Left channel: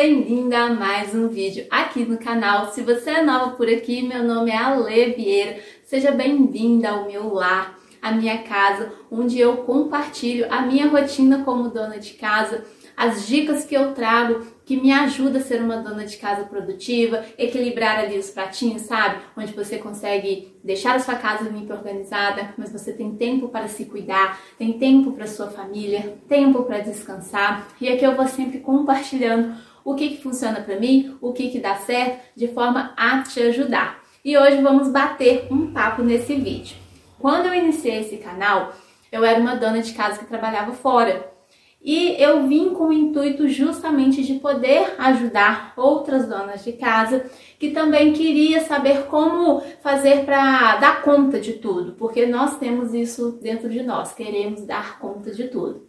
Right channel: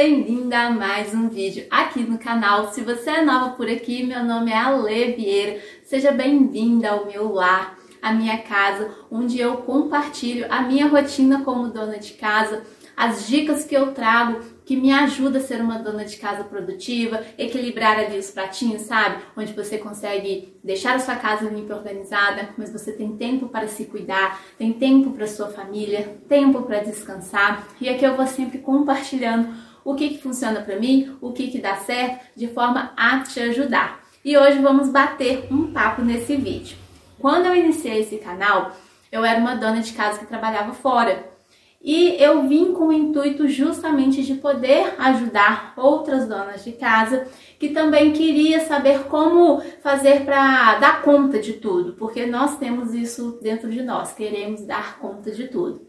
bem-vinda a mais um vídeo aqui no canal. Se você é nova por aqui, meu nome é Ale Vieira. Seja bem-vinda ao meu lar, à minha casa, onde eu compartilho a minha rotina como dona de casa, as dicas que eu trago que me ajudam a ser uma dona de casa produtiva, equilibrar ali os pratinhos, sabe? Onde você consegue deixar a sua casa limpa e organizada, mas você tem tempo para se cuidar, tem tempo para sua família, tempo para descansar. E aqui eu vou sempre compartilhando o que funciona para mim, o que dá certo, de forma a te ajudar. E hoje vamos bater um papo nesse vídeo. Quando eu iniciei esse canal, eu era uma dona de casa que trabalhava fora. E eu vim com o intuito justamente de poder ajudar outras donas de casa que também queria saber como fazer para dar conta de tudo, porque nós temos isso dentro de nós, queremos dar conta de tudo.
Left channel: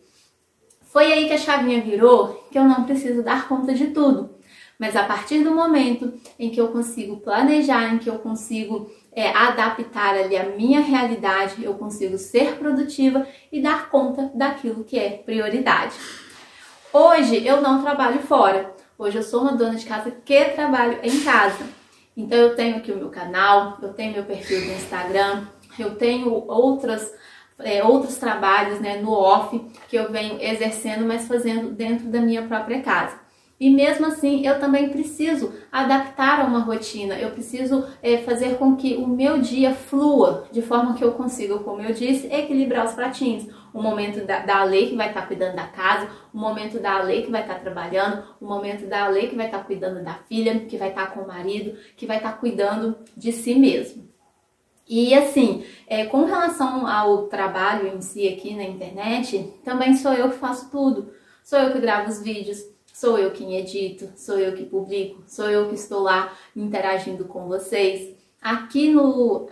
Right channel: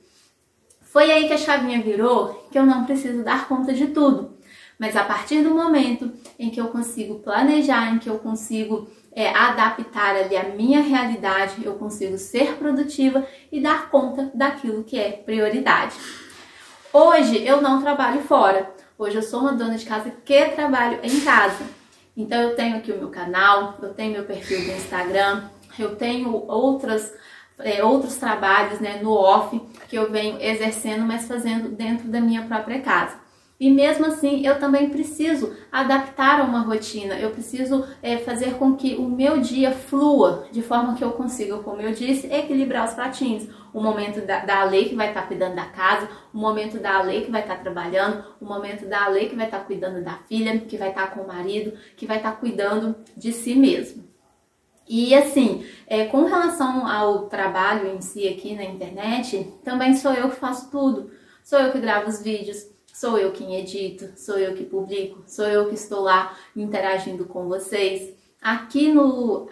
Foi aí que a chavinha virou, que eu não preciso dar conta de tudo, mas a partir do momento em que eu consigo planejar, em que eu consigo adaptar ali a minha realidade, eu consigo ser produtiva e dar conta daquilo que é prioridade. Hoje eu não trabalho fora, hoje eu sou uma dona de casa que trabalho em casa. Então eu tenho aqui o meu canal, eu tenho meu perfil do Instagram, eu tenho outros trabalhos, no off que eu venho exercendo, mas fazendo dentro da minha própria casa. E mesmo assim, eu também preciso adaptar a uma rotina, eu preciso fazer com que o meu dia flua, de forma que eu consiga, como eu disse, equilibrar os pratinhos. O momento da Ale que vai estar cuidando da casa, o momento da Ale que vai estar trabalhando, o momento da Ale que vai estar cuidando da filha, que vai estar com o marido, que vai estar cuidando de si mesmo. E assim, com relação ao trabalho em si aqui na internet, também sou eu que faço tudo. Sou eu que gravo os vídeos, sou eu quem edito, sou eu que publico, sou eu que estou lá interagindo com vocês aqui no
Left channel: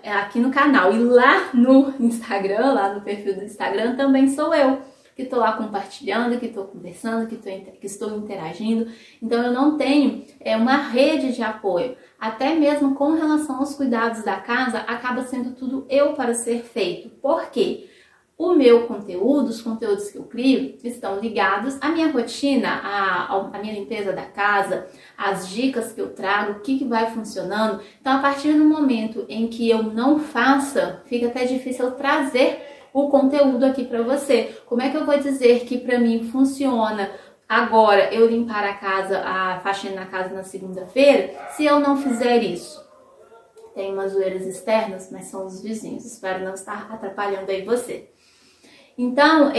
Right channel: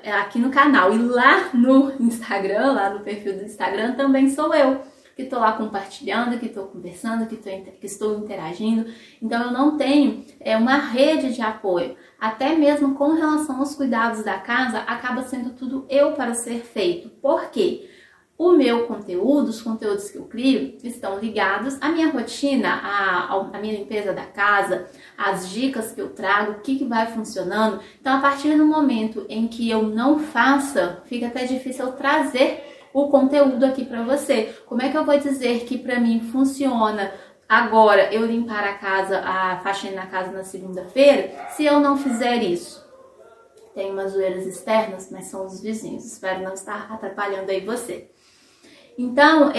canal. E lá no Instagram, lá no perfil do Instagram, também sou eu que estou lá compartilhando, que estou conversando, que estou interagindo. Então eu não tenho uma rede de apoio. Até mesmo com relação aos cuidados da casa, acaba sendo tudo eu para ser feito. Por quê? O meu conteúdo, os conteúdos que eu crio, estão ligados à minha rotina, à minha limpeza da casa, às dicas que eu trago, o que vai funcionando. Então, a partir do momento em que eu não faça, fica até difícil eu trazer o conteúdo aqui para você. Como é que eu vou dizer que para mim funciona agora eu limpar a casa, a faxina na casa na segunda-feira, se eu não fizer isso? Tem umas zoeiras externas, mas são os vizinhos. Espero não estar atrapalhando aí você. Então,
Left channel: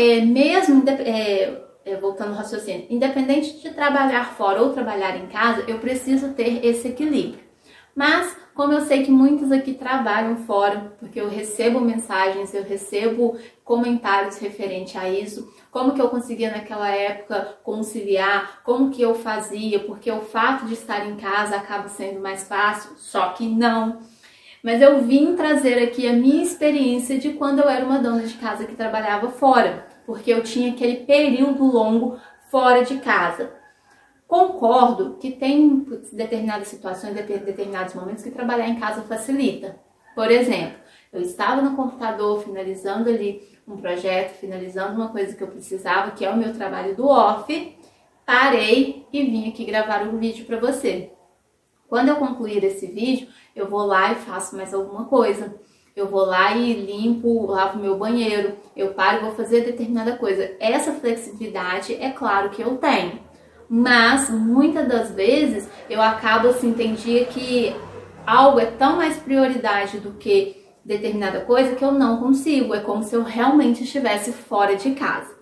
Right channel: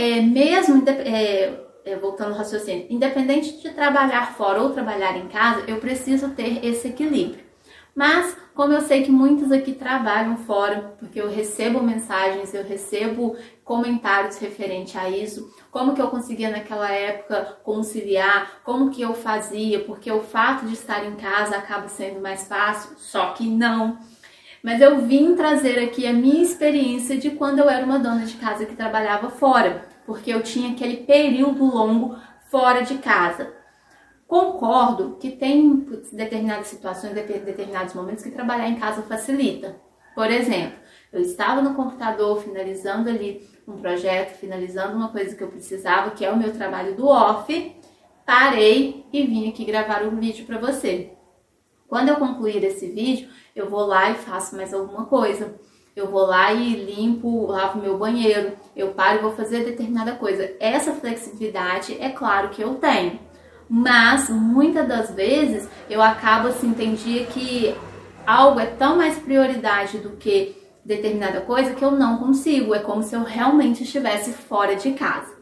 voltando ao raciocínio, independente de trabalhar fora ou trabalhar em casa, eu preciso ter esse equilíbrio. Mas, como eu sei que muitos aqui trabalham fora, porque eu recebo mensagens, eu recebo comentários referente a isso, como que eu conseguia naquela época conciliar, como que eu fazia, porque o fato de estar em casa acaba sendo mais fácil, só que não. Mas eu vim trazer aqui a minha experiência de quando eu era uma dona de casa que trabalhava fora, porque eu tinha aquele período longo fora de casa. Concordo que tem determinadas situações, determinados momentos que trabalhar em casa facilita. Por exemplo, eu estava no computador finalizando ali um projeto, finalizando uma coisa que eu precisava, que é o meu trabalho do off, parei e vim aqui gravar um vídeo para você. Quando eu concluir esse vídeo, eu vou lá e faço mais alguma coisa. Eu vou lá e limpo, lavo meu banheiro, eu paro e vou fazer determinada coisa. Essa flexibilidade é claro que eu tenho. Mas, muitas das vezes, eu acabo assim, tem dia que algo é tão mais prioridade do que determinada coisa que eu não consigo. É como se eu realmente estivesse fora de casa.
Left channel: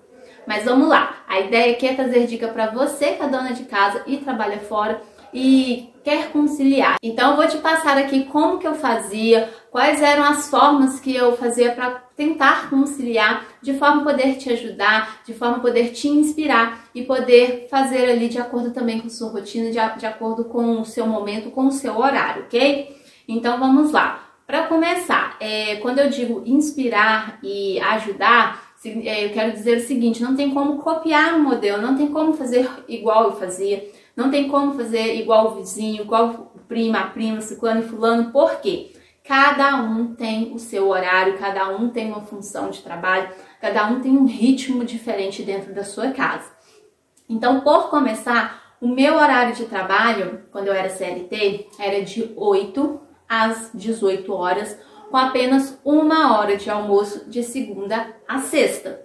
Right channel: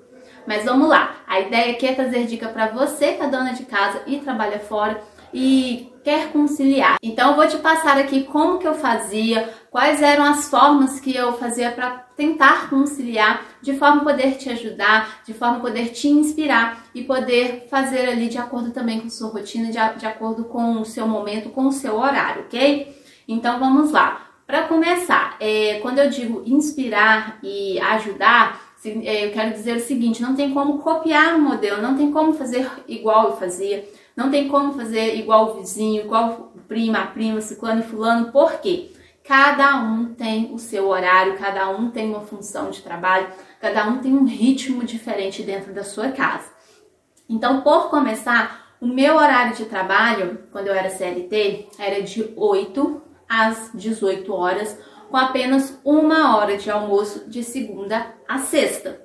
Mas vamos lá, a ideia aqui é trazer dica para você que é dona de casa e trabalha fora e quer conciliar. Então eu vou te passar aqui como que eu fazia, quais eram as formas que eu fazia para tentar conciliar, de forma a poder te ajudar, de forma a poder te inspirar e poder fazer ali de acordo também com a sua rotina, de acordo com o seu momento, com o seu horário, ok? Então vamos lá. Para começar, quando eu digo inspirar e ajudar, eu quero dizer o seguinte, não tem como copiar um modelo, não tem como fazer igual eu fazia, não tem como fazer igual o vizinho, igual a prima, ciclano e fulano, por quê? Cada um tem o seu horário, cada um tem uma função de trabalho, cada um tem um ritmo diferente dentro da sua casa. Então, por começar, O meu horário de trabalho, quando eu era CLT, era de 8 às 18 horas, com apenas 1 hora de almoço de segunda a sexta.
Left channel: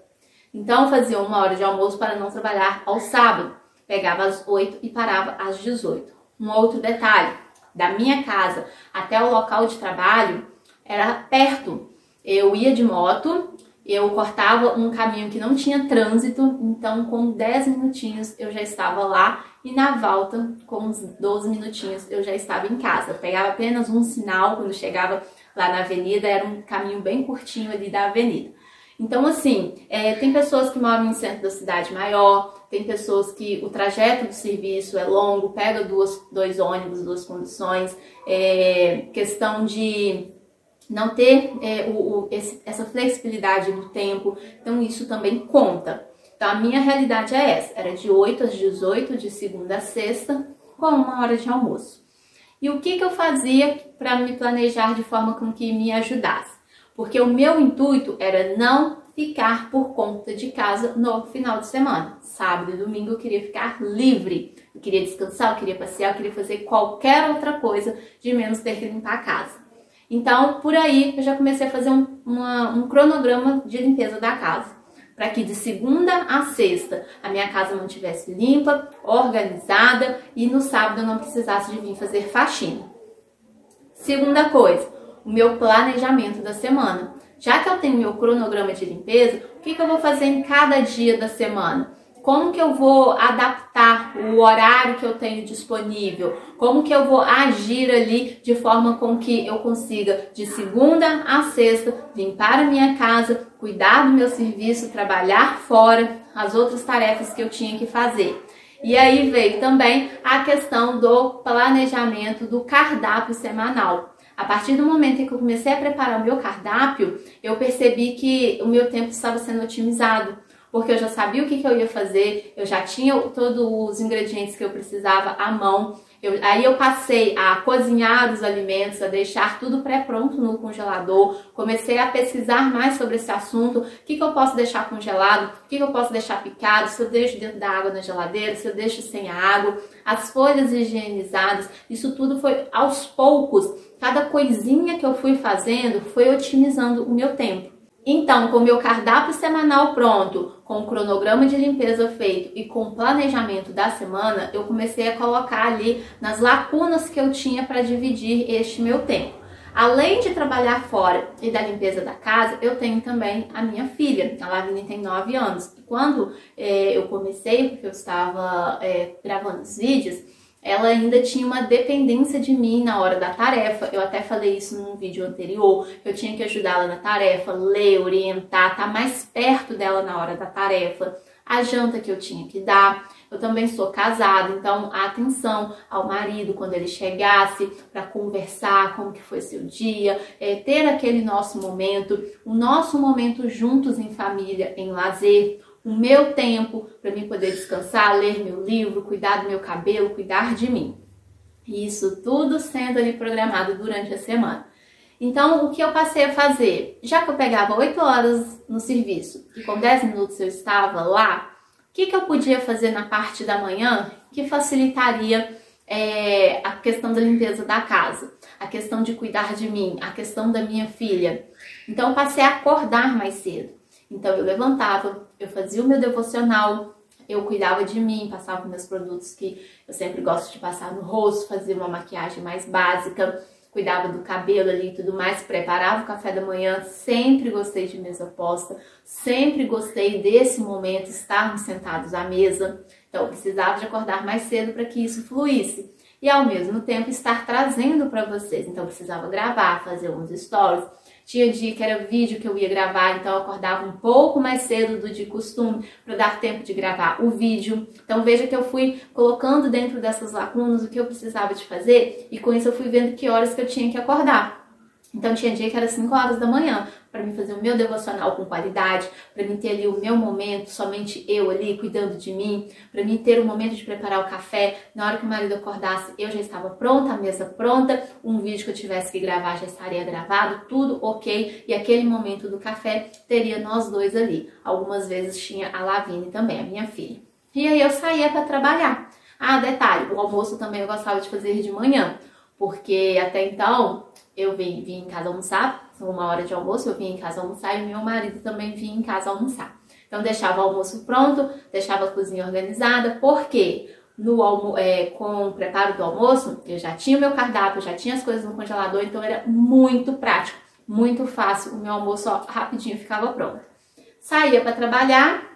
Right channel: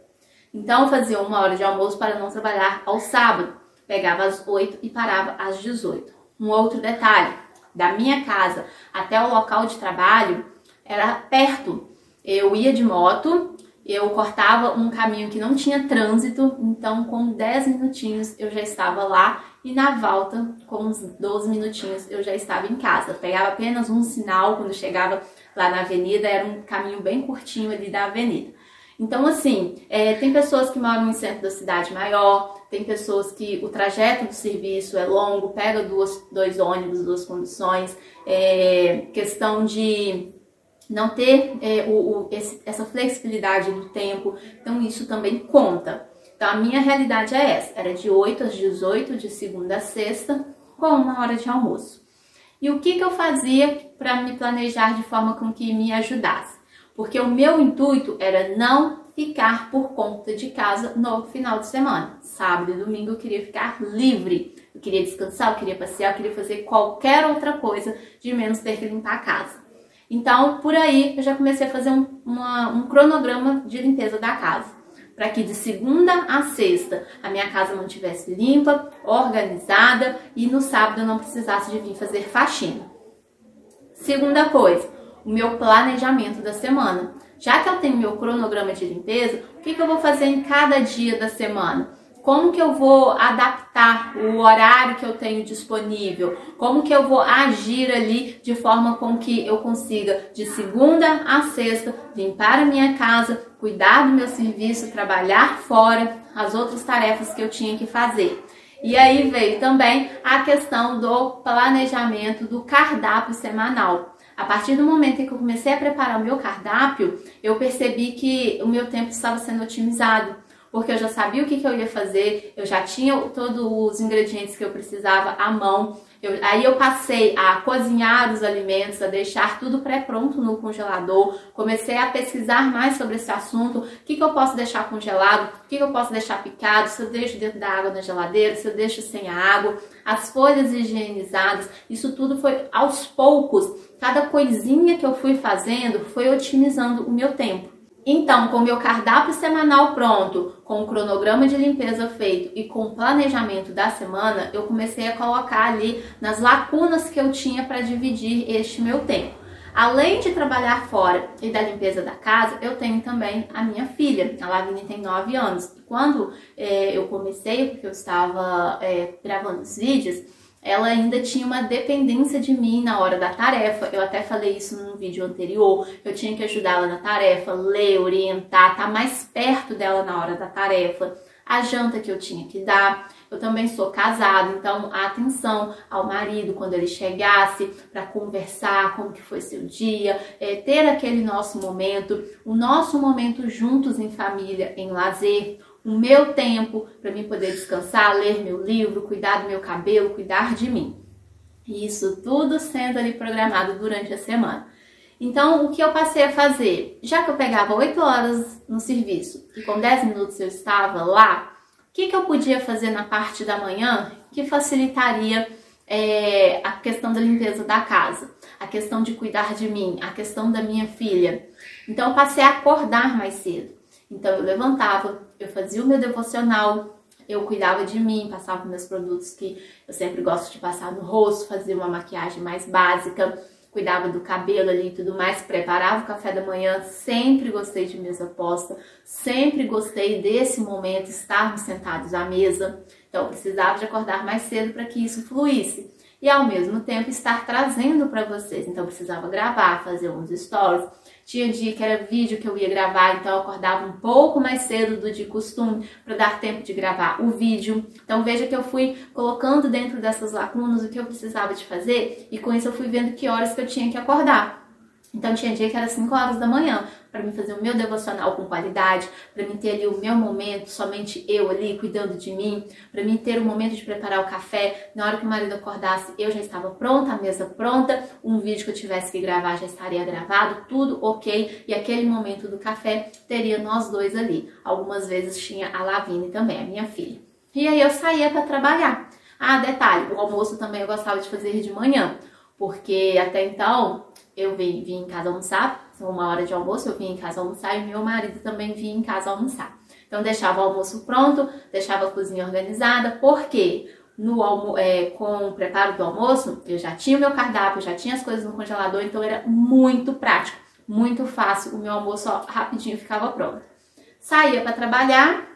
Então, eu fazia 1 hora de almoço para não trabalhar ao sábado. Pegava às 8 e parava às 18. Um outro detalhe, da minha casa até o local de trabalho era perto. Eu ia de moto, eu cortava um caminho que não tinha trânsito, então com 10 minutinhos eu já estava lá e na volta, com uns 12 minutinhos, eu já estava em casa. Eu pegava apenas um sinal quando chegava lá na avenida, era um caminho bem curtinho ali da avenida. Então, assim, tem pessoas que moram em centro da cidade maior, tem pessoas que o trajeto do serviço é longo, pega dois ônibus, 2 conduções, questão de não ter essa flexibilidade do tempo, então isso também conta. Então, a minha realidade é essa, era de 8 às 18, de segunda a sexta, com 1 hora de almoço. E o que eu fazia para me planejar de forma com que me ajudasse? Porque o meu intuito era não ficar por conta de casa no final de semana. Sábado e domingo eu queria ficar livre, eu queria descansar, eu queria passear, eu queria fazer qualquer outra coisa, de menos ter que limpar a casa. Então, por aí, eu já comecei a fazer um cronograma de limpeza da casa. Para que de segunda a sexta a minha casa não estivesse limpa, organizada e no sábado eu não precisasse de vir fazer faxina. Segunda coisa, o meu planejamento da semana. Já que eu tenho meu cronograma de limpeza, o que eu vou fazer em cada dia da semana? Como que eu vou adaptar o horário que eu tenho disponível? Como que eu vou agir ali de forma com que eu consiga, de segunda a sexta, limpar a minha casa, cuidar do meu serviço, trabalhar fora, as outras tarefas que eu tinha que fazer. E aí veio também a questão do planejamento do cardápio semanal. A partir do momento em que eu comecei a preparar o meu cardápio, eu percebi que o meu tempo estava sendo otimizado. Porque eu já sabia o que eu ia fazer, eu já tinha todos os ingredientes que eu precisava à mão. Aí eu passei a cozinhar os alimentos, a deixar tudo pré-pronto no congelador. Comecei a pesquisar mais sobre esse assunto. O que eu posso deixar congelado, o que eu posso deixar picado, se eu deixo dentro da água na geladeira, se eu deixo sem a água. As folhas higienizadas, isso tudo foi aos poucos. Cada coisinha que eu fui fazendo foi otimizando o meu tempo. Então, com o meu cardápio semanal pronto, com o cronograma de limpeza feito e com o planejamento da semana, eu comecei a colocar ali nas lacunas que eu tinha para dividir este meu tempo. Além de trabalhar fora e da limpeza da casa, eu tenho também a minha filha. A Lavínia tem 9 anos. Quando eu comecei, porque eu estava gravando os vídeos, ela ainda tinha uma dependência de mim na hora da tarefa. Eu até falei isso num vídeo anterior. Eu tinha que ajudá-la na tarefa, ler, orientar, estar mais perto dela na hora da tarefa. A janta que eu tinha que dar. Eu também sou casada, então a atenção ao marido quando ele chegasse para conversar como que foi seu dia, ter aquele nosso momento, o nosso momento juntos em família, em lazer. O meu tempo para mim poder descansar, ler meu livro, cuidar do meu cabelo, cuidar de mim. E isso tudo sendo ali programado durante a semana. Então, o que eu passei a fazer? Já que eu pegava 8 horas no serviço e com 10 minutos eu estava lá, o que eu podia fazer na parte da manhã que facilitaria a questão da limpeza da casa, a questão de cuidar de mim, a questão da minha filha? Então, eu passei a acordar mais cedo. Então, eu levantava, eu fazia o meu devocional, eu cuidava de mim, passava meus produtos que eu sempre gosto de passar no rosto, fazia uma maquiagem mais básica, cuidava do cabelo ali e tudo mais, preparava o café da manhã. Sempre gostei de mesa posta, sempre gostei desse momento, estarmos sentados à mesa. Então, eu precisava de acordar mais cedo para que isso fluísse. E, ao mesmo tempo, estar trazendo para vocês. Então, eu precisava gravar, fazer uns stories. Tinha dia que era vídeo que eu ia gravar, então eu acordava um pouco mais cedo do de costume para dar tempo de gravar o vídeo. Então veja que eu fui colocando dentro dessas lacunas o que eu precisava de fazer e com isso eu fui vendo que horas que eu tinha que acordar. Então tinha dia que era 5 horas da manhã para mim fazer o meu devocional com qualidade, para mim ter ali o meu momento, somente eu ali cuidando de mim, para mim ter o momento de preparar o café. Na hora que o marido acordasse, eu já estava pronta, a mesa pronta, um vídeo que eu tivesse que gravar já estaria gravado, tudo ok. E aquele momento do café teria nós dois ali. Algumas vezes tinha a Lavínia também, a minha filha. E aí eu saía para trabalhar. Ah, detalhe, o almoço também eu gostava de fazer de manhã, porque até então eu vinha em casa almoçar, uma hora de almoço eu vinha em casa almoçar e meu marido também vinha em casa almoçar. Então deixava o almoço pronto, deixava a cozinha organizada, porque com o preparo do almoço eu já tinha o meu cardápio, já tinha as coisas no congelador, então era muito prático, muito fácil, o meu almoço rapidinho ficava pronto. Saía para trabalhar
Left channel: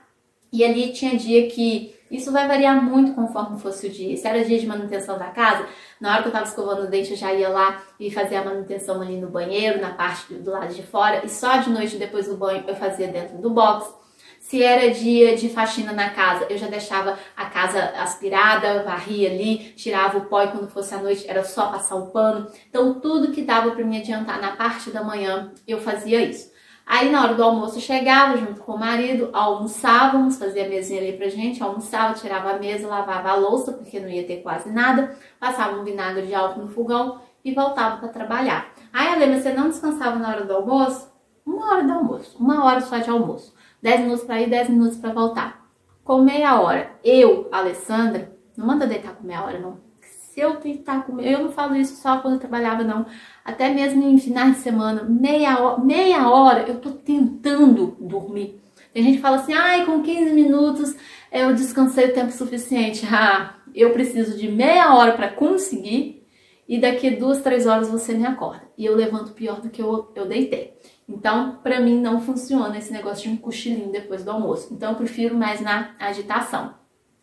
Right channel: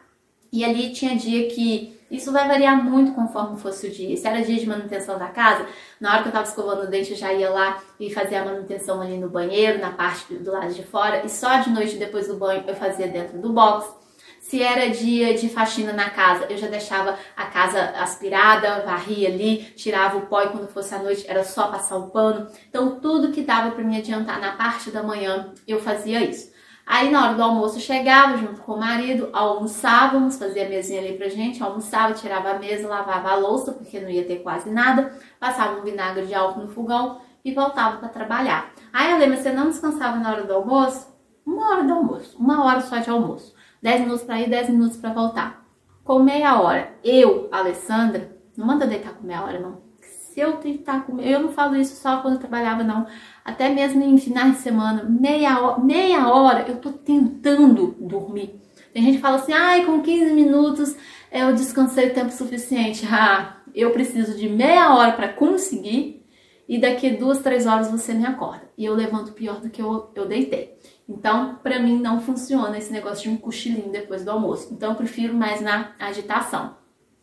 e ali tinha dia que isso vai variar muito conforme fosse o dia. Se era dia de manutenção da casa, na hora que eu estava escovando o dente eu já ia lá e fazia a manutenção ali no banheiro, na parte do lado de fora, e só de noite depois do banho eu fazia dentro do box. Se era dia de faxina na casa, eu já deixava a casa aspirada, varria ali, tirava o pó e quando fosse à noite era só passar o pano. Então tudo que dava para me adiantar na parte da manhã, eu fazia isso. Aí na hora do almoço eu chegava junto com o marido, almoçávamos, fazia a mesinha ali pra gente, almoçava, tirava a mesa, lavava a louça, porque não ia ter quase nada, passava um vinagre de álcool no fogão e voltava para trabalhar. Aí eu lembro, você não descansava na hora do almoço? 1 hora do almoço, 1 hora só de almoço. 10 minutos para ir, 10 minutos para voltar. Com meia hora, eu, Alessandra, não manda deitar com meia hora, não. Se eu deitar com eu não falo isso só quando eu trabalhava, não. Até mesmo em finais de semana, meia hora eu tô tentando dormir. Tem gente que fala assim, ai, com 15 minutos eu descansei o tempo suficiente. Ah, eu preciso de meia hora para conseguir e daqui 2, 3 horas você me acorda. E eu levanto pior do que eu deitei. Então, pra mim não funciona esse negócio de um cochilinho depois do almoço. Então, eu prefiro mais na agitação.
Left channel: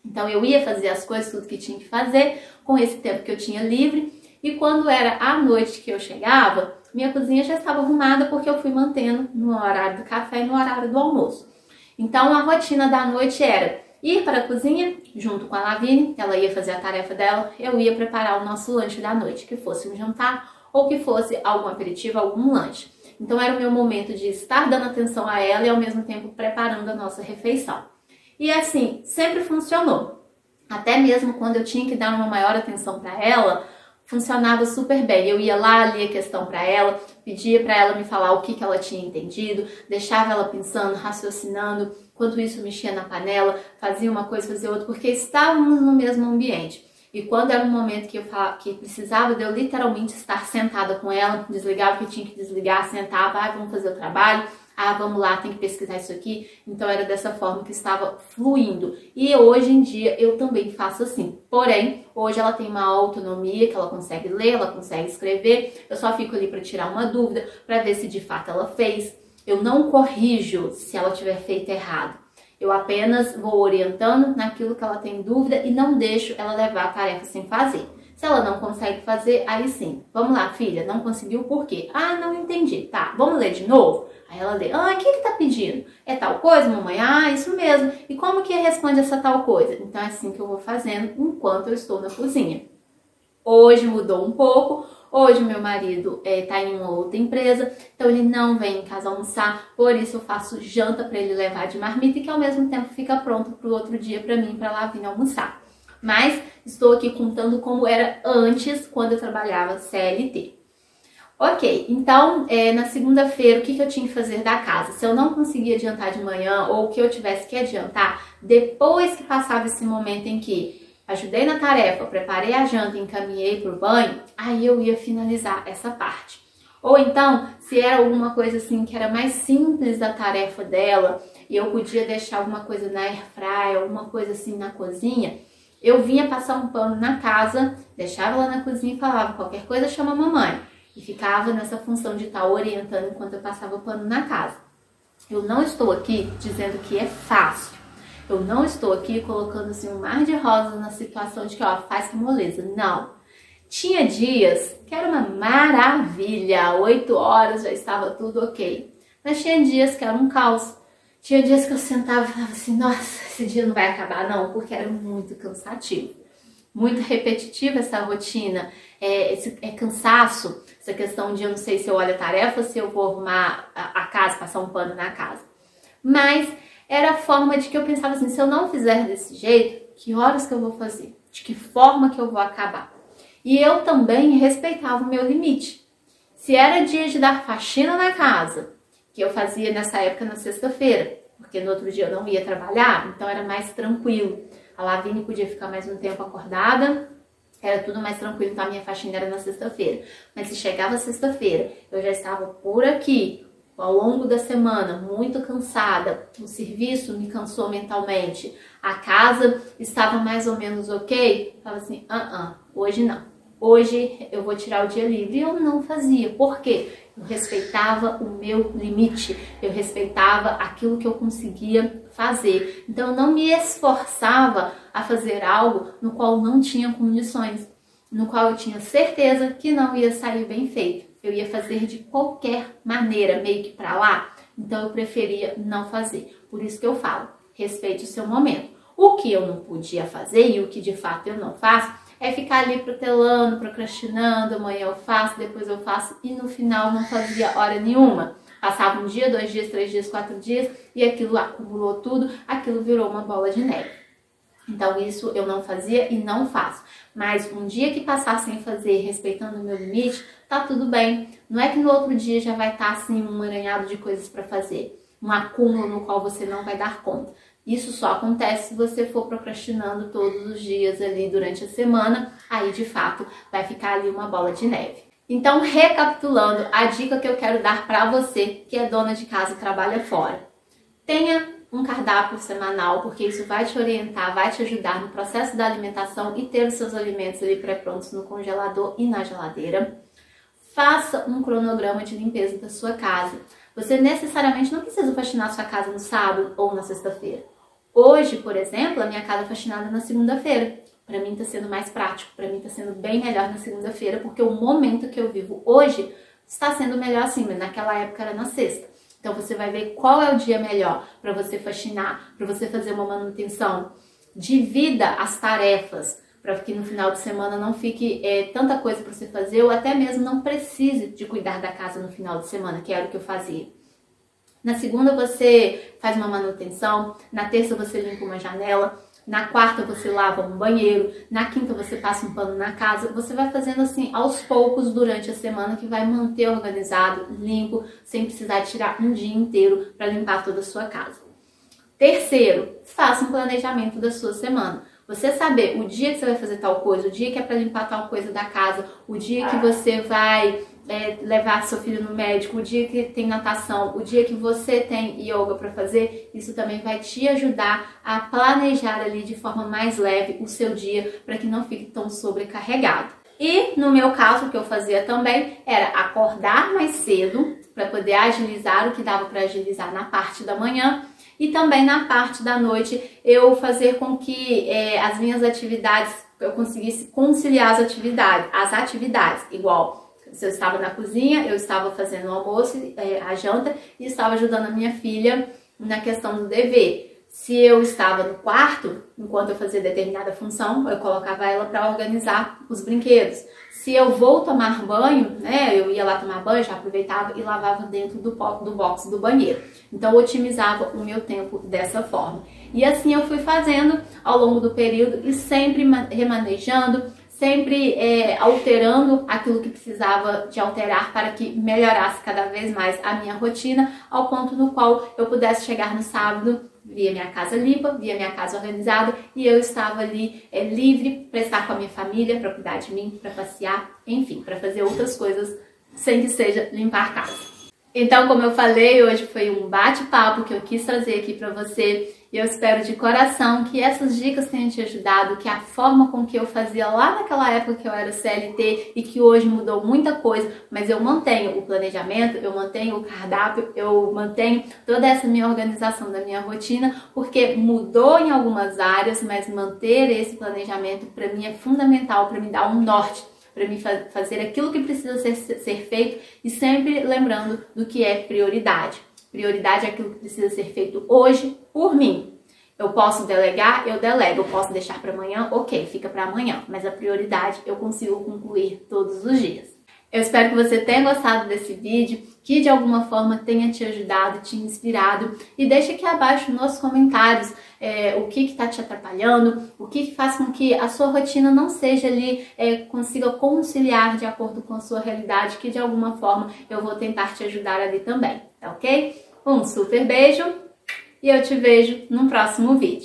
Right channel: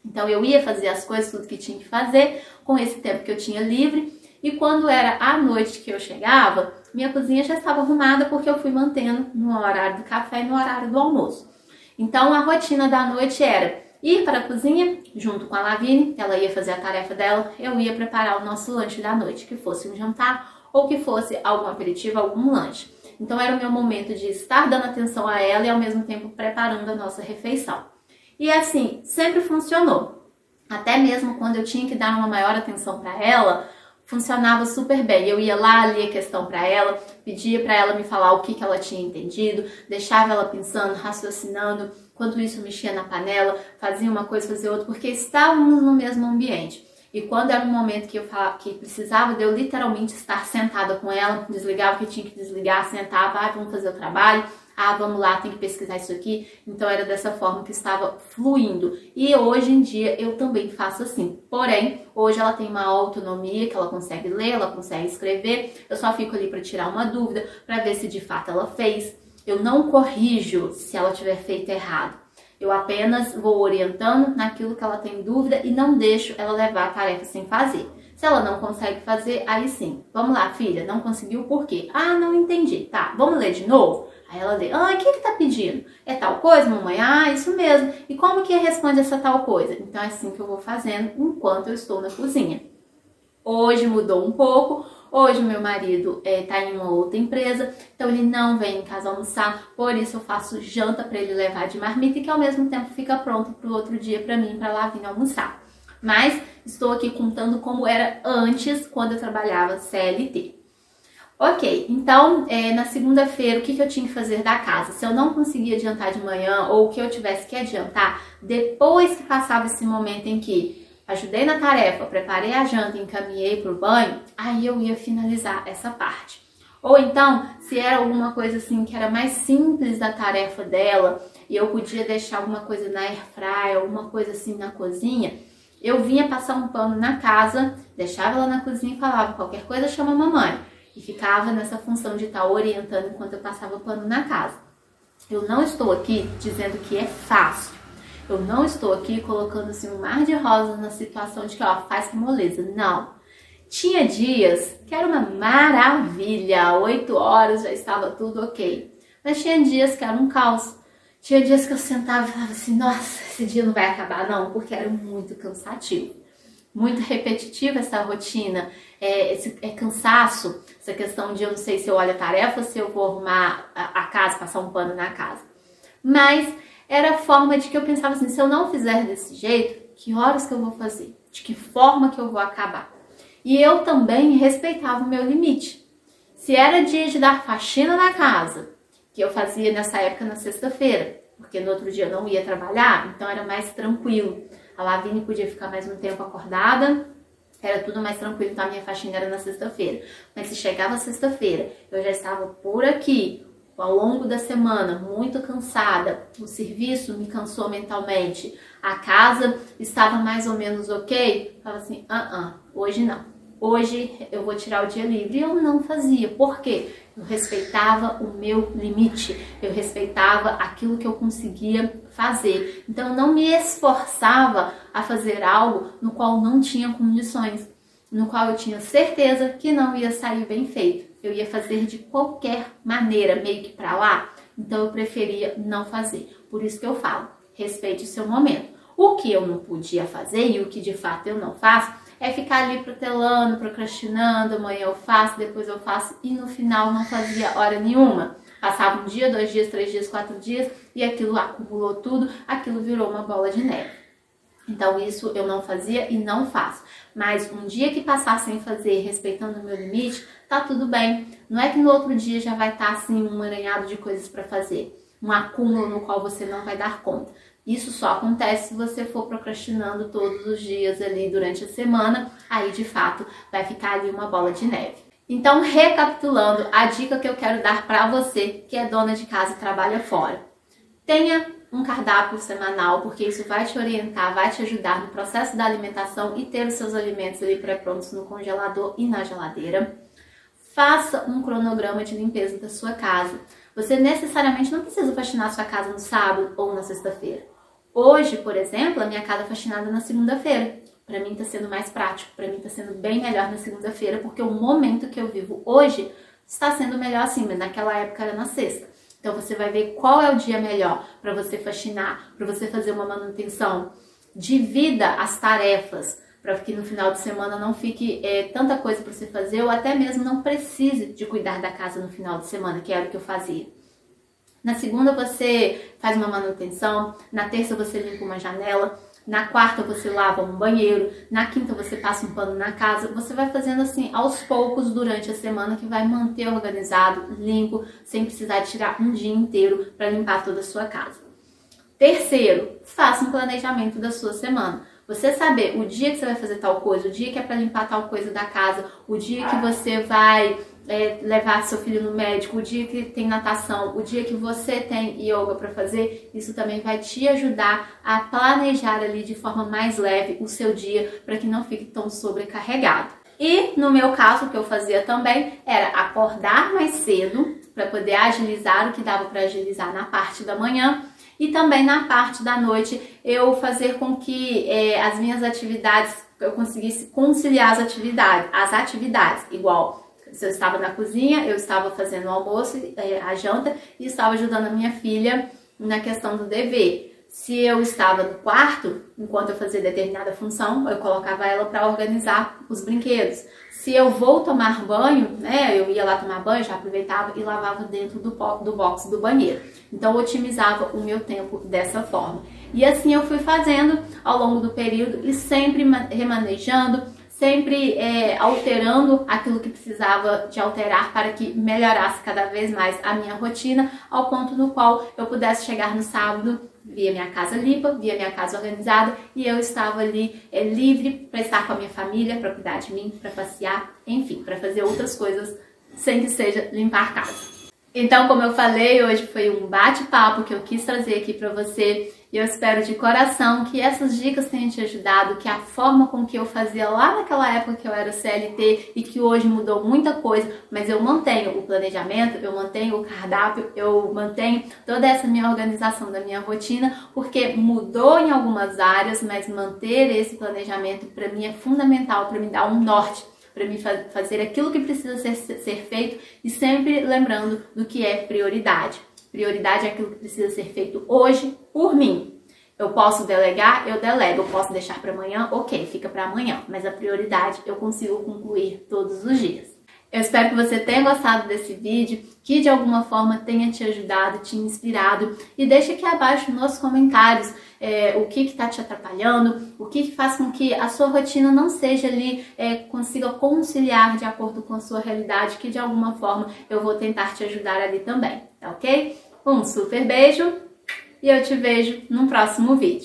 Então, eu ia fazer as coisas, tudo que tinha que fazer, com esse tempo que eu tinha livre. E quando era à noite que eu chegava, minha cozinha já estava arrumada porque eu fui mantendo no horário do café e no horário do almoço. Então, a rotina da noite era ir para a cozinha, junto com a Lavínia, ela ia fazer a tarefa dela, eu ia preparar o nosso lanche da noite, que fosse um jantar ou que fosse algum aperitivo, algum lanche. Então era o meu momento de estar dando atenção a ela e ao mesmo tempo preparando a nossa refeição. E assim, sempre funcionou. Até mesmo quando eu tinha que dar uma maior atenção para ela, funcionava super bem. Eu ia lá, lia a questão para ela, pedia para ela me falar o que ela tinha entendido, deixava ela pensando, raciocinando, enquanto isso mexia na panela, fazia uma coisa, fazia outra, porque estávamos no mesmo ambiente. E quando era um momento que precisava de eu literalmente estar sentada com ela, desligava o que tinha que desligar, sentava, vamos fazer o trabalho, vamos lá, tem que pesquisar isso aqui. Então era dessa forma que estava fluindo. E hoje em dia eu também faço assim. Porém, hoje ela tem uma autonomia, que ela consegue ler, ela consegue escrever. Eu só fico ali para tirar uma dúvida, para ver se de fato ela fez. Eu não corrijo se ela tiver feito errado. Eu apenas vou orientando naquilo que ela tem dúvida e não deixo ela levar a tarefa sem fazer. Se ela não consegue fazer, aí sim. Vamos lá, filha, não conseguiu por quê? Ah, não entendi. Tá, vamos ler de novo? Aí ela lê. Ah, o que tá pedindo? É tal coisa, mamãe? Ah, isso mesmo. E como que responde essa tal coisa? Então é assim que eu vou fazendo enquanto eu estou na cozinha. Hoje mudou um pouco. Hoje o meu marido tá em uma outra empresa, então ele não vem em casa almoçar, por isso eu faço janta para ele levar de marmita e que ao mesmo tempo fica pronto para o outro dia para mim, para lá vir almoçar. Mas estou aqui contando como era antes, quando eu trabalhava CLT. Ok, então na segunda-feira o que eu tinha que fazer da casa? Se eu não conseguia adiantar de manhã ou o que eu tivesse que adiantar, depois que passava esse momento em que ajudei na tarefa, preparei a janta, encaminhei para o banho, aí eu ia finalizar essa parte. Ou então, se era alguma coisa assim que era mais simples da tarefa dela e eu podia deixar alguma coisa na airfryer, alguma coisa assim na cozinha, eu vinha passar um pano na casa, deixava ela na cozinha e falava, qualquer coisa chama a mamãe. E ficava nessa função de estar orientando enquanto eu passava pano na casa. Eu não estou aqui dizendo que é fácil. Eu não estou aqui colocando assim um mar de rosas na situação de que, ó, faz com moleza. Não. Tinha dias que era uma maravilha. 8 horas já estava tudo ok. Mas tinha dias que era um caos. Tinha dias que eu sentava e falava assim, nossa, esse dia não vai acabar não, porque era muito cansativo. Muito repetitiva essa rotina. Esse cansaço, essa questão de eu não sei se eu olho a tarefa ou se eu vou arrumar a casa, passar um pano na casa. Mas era a forma de que eu pensava assim, se eu não fizer desse jeito, que horas que eu vou fazer? De que forma que eu vou acabar? E eu também respeitava o meu limite. Se era dia de dar faxina na casa, que eu fazia nessa época na sexta-feira, porque no outro dia eu não ia trabalhar, então era mais tranquilo. A Lavínia podia ficar mais um tempo acordada, era tudo mais tranquilo, então a minha faxina era na sexta-feira. Mas se chegava sexta-feira, eu já estava por aqui, ao longo da semana, muito cansada, o serviço me cansou mentalmente, a casa estava mais ou menos ok, eu falava assim, hoje não. Hoje eu vou tirar o dia livre. E eu não fazia. Por quê? Eu respeitava o meu limite. Eu respeitava aquilo que eu conseguia fazer. Então eu não me esforçava a fazer algo no qual não tinha condições, no qual eu tinha certeza que não ia sair bem feito. Eu ia fazer de qualquer maneira, meio que pra lá. Então eu preferia não fazer. Por isso que eu falo, respeite o seu momento. O que eu não podia fazer e o que de fato eu não faço é ficar ali protelando, procrastinando, amanhã eu faço, depois eu faço e no final não fazia hora nenhuma. Passava um dia, 2 dias, 3 dias, 4 dias e aquilo acumulou tudo, aquilo virou uma bola de neve. Então isso eu não fazia e não faço. Mas um dia que passar sem fazer, respeitando o meu limite, tá tudo bem. Não é que no outro dia já vai estar assim um emaranhado de coisas para fazer, um acúmulo no qual você não vai dar conta. Isso só acontece se você for procrastinando todos os dias ali durante a semana, aí de fato vai ficar ali uma bola de neve. Então, recapitulando, a dica que eu quero dar para você que é dona de casa e trabalha fora. Tenha um cardápio semanal, porque isso vai te orientar, vai te ajudar no processo da alimentação e ter os seus alimentos ali pré-prontos no congelador e na geladeira. Faça um cronograma de limpeza da sua casa. Você necessariamente não precisa faxinar sua casa no sábado ou na sexta-feira. Hoje, por exemplo, a minha casa é faxinada na segunda-feira. Para mim tá sendo mais prático, para mim tá sendo bem melhor na segunda-feira, porque o momento que eu vivo hoje está sendo melhor assim, mas naquela época era na sexta. Então você vai ver qual é o dia melhor para você faxinar, para você fazer uma manutenção. Divida as tarefas, para que no final de semana não fique tanta coisa para você fazer, ou até mesmo não precise de cuidar da casa no final de semana, que era o que eu fazia. Na segunda você faz uma manutenção, na terça você limpa uma janela, na quarta você lava um banheiro, na quinta você passa um pano na casa. Você vai fazendo assim aos poucos durante a semana, que vai manter organizado, limpo, sem precisar tirar um dia inteiro para limpar toda a sua casa. Terceiro, faça um planejamento da sua semana. Você saber o dia que você vai fazer tal coisa, o dia que é para limpar tal coisa da casa, o dia que você vai levar seu filho no médico, o dia que tem natação, o dia que você tem yoga para fazer, isso também vai te ajudar a planejar ali de forma mais leve o seu dia, para que não fique tão sobrecarregado. E no meu caso, o que eu fazia também era acordar mais cedo para poder agilizar o que dava para agilizar na parte da manhã, e também na parte da noite eu fazer com que as minhas atividades, eu conseguisse conciliar as atividades, igual se eu estava na cozinha, eu estava fazendo o almoço, a janta, e estava ajudando a minha filha na questão do dever. Se eu estava no quarto, enquanto eu fazia determinada função, eu colocava ela para organizar os brinquedos. Se eu vou tomar banho, eu ia lá tomar banho, já aproveitava e lavava dentro do box do banheiro. Então, eu otimizava o meu tempo dessa forma. E assim eu fui fazendo ao longo do período e sempre remanejando, sempre alterando aquilo que precisava de alterar para que melhorasse cada vez mais a minha rotina, ao ponto no qual eu pudesse chegar no sábado, via minha casa limpa, via minha casa organizada, e eu estava ali livre para estar com a minha família, para cuidar de mim, para passear, enfim, para fazer outras coisas sem que seja limpar a casa. Então, como eu falei, hoje foi um bate-papo que eu quis trazer aqui para você. E eu espero de coração que essas dicas tenham te ajudado, que a forma com que eu fazia lá naquela época que eu era CLT e que hoje mudou muita coisa, mas eu mantenho o planejamento, eu mantenho o cardápio, eu mantenho toda essa minha organização da minha rotina, porque mudou em algumas áreas, mas manter esse planejamento para mim é fundamental, para me dar um norte, para me fazer aquilo que precisa ser feito e sempre lembrando do que é prioridade. Prioridade é aquilo que precisa ser feito hoje por mim. Eu posso delegar, eu delego. Eu posso deixar para amanhã, ok, fica para amanhã. Mas a prioridade eu consigo concluir todos os dias. Eu espero que você tenha gostado desse vídeo, que de alguma forma tenha te ajudado, te inspirado. E deixa aqui abaixo nos comentários o que está te atrapalhando, o que faz com que a sua rotina não seja ali, consiga conciliar de acordo com a sua realidade, que de alguma forma eu vou tentar te ajudar ali também, tá ok? Um super beijo e eu te vejo no próximo vídeo.